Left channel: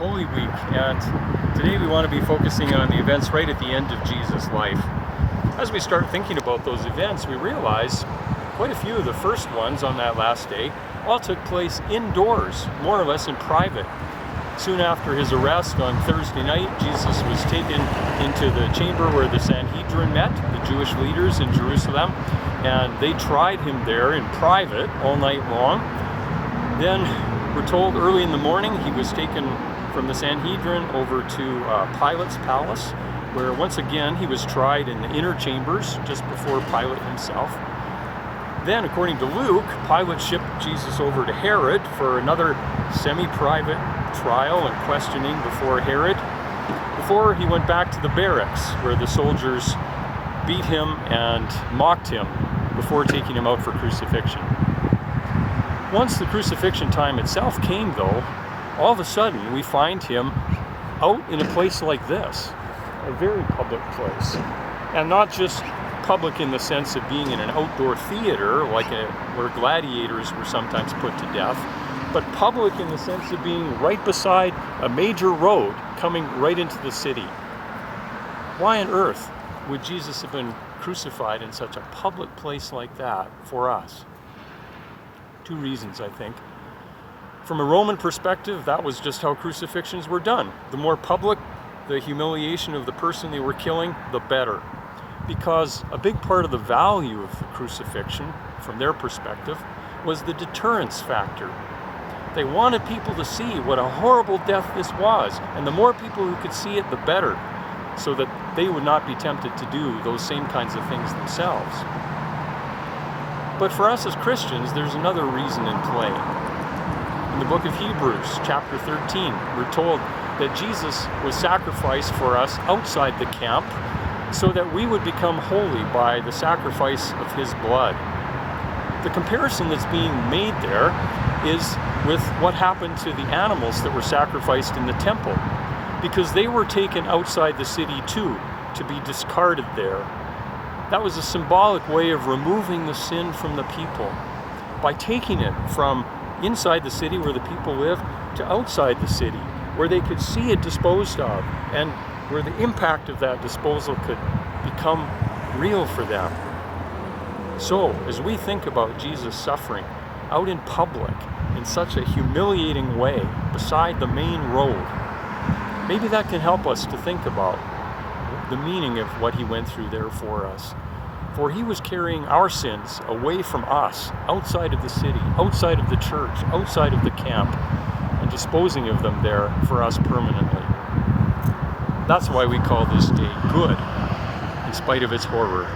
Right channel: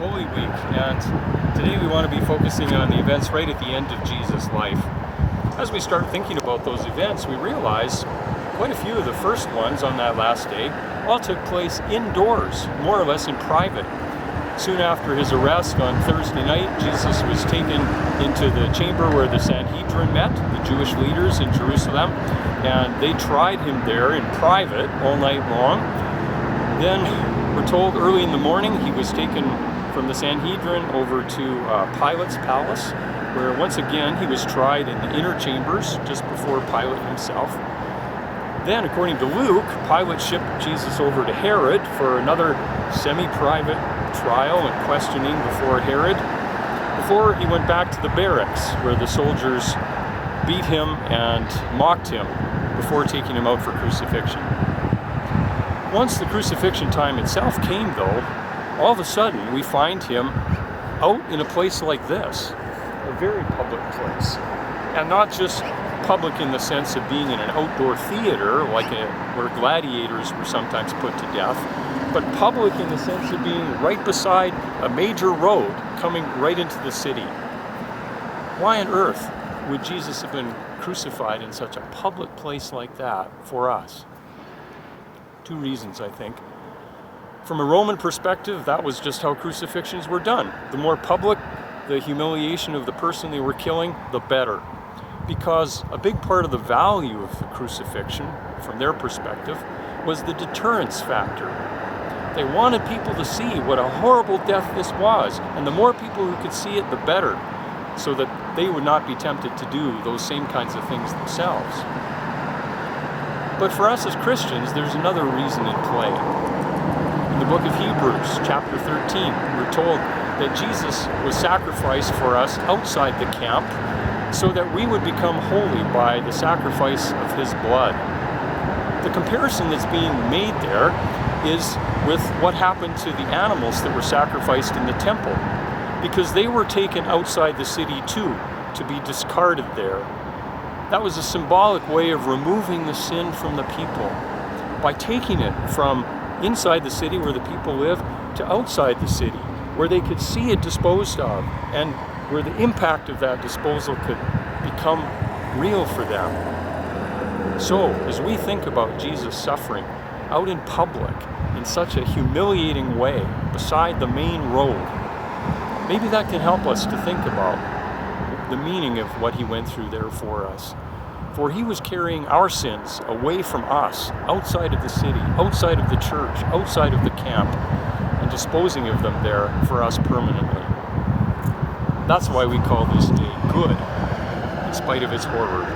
Holy Week, and today we want to be focusing on the events right at the end of Jesus' life. As we start thinking about those events, we realize quite a few of the first ones on that last day all took place indoors, more or less in private. Soon after his arrest on Thursday night, Jesus was taken into the chamber where the Sanhedrin met, the Jewish leaders in Jerusalem, and they tried him there in private all night long. Then we're told early in the morning he was taken from the Sanhedrin over to Pilate's palace, where once again he was tried in the inner chambers just before Pilate himself. Then, according to Luke, Pilate shipped Jesus over to Herod for another semi-private trial and questioning before Herod, before he went back to the barracks where the soldiers beat him and mocked him before taking him out for crucifixion. Once the crucifixion time itself came, though, all of a sudden we find him out in a place like this, a very public place. And not just public in the sense of being in an outdoor theater, where gladiators were sometimes put to death, but public in the sense of being right beside a major road coming right into the city. Why on earth would Jesus have been crucified in such a public place like that for us? Two reasons, I think. From a Roman perspective, that was just how crucifixions were done. The more public the humiliation of the person they were killing, the better. Because a big part of the value of the crucifixion, from their perspective, was the deterrence factor. They wanted people to see what a horrible death this was, and the more people who could see it, the better, so that they would not be tempted to do those same kinds of things themselves. But for us as Christians, there's another reason in play. In the book of Hebrews, chapter 13, we're told that Jesus was sacrificed for us outside the camp so that we would become holy by the sacrifice of his blood. The comparison that's being made there is with what happened to the animals that were sacrificed in the temple, because they were taken outside the city too, to be discarded there. That was a symbolic way of removing the sin from the people by taking it from inside the city where the people lived to outside the city, where they could see it disposed of and where the impact of that disposal could become real for them. So, as we think about Jesus suffering out in public in such a humiliating way beside the main road, maybe that can help us to think about the meaning of what he went through there for us. For he was carrying our sins away from us, outside of the city, outside of the church, outside of the camp, and disposing of them there for us permanently. That's why we call this day good, in spite of its horror.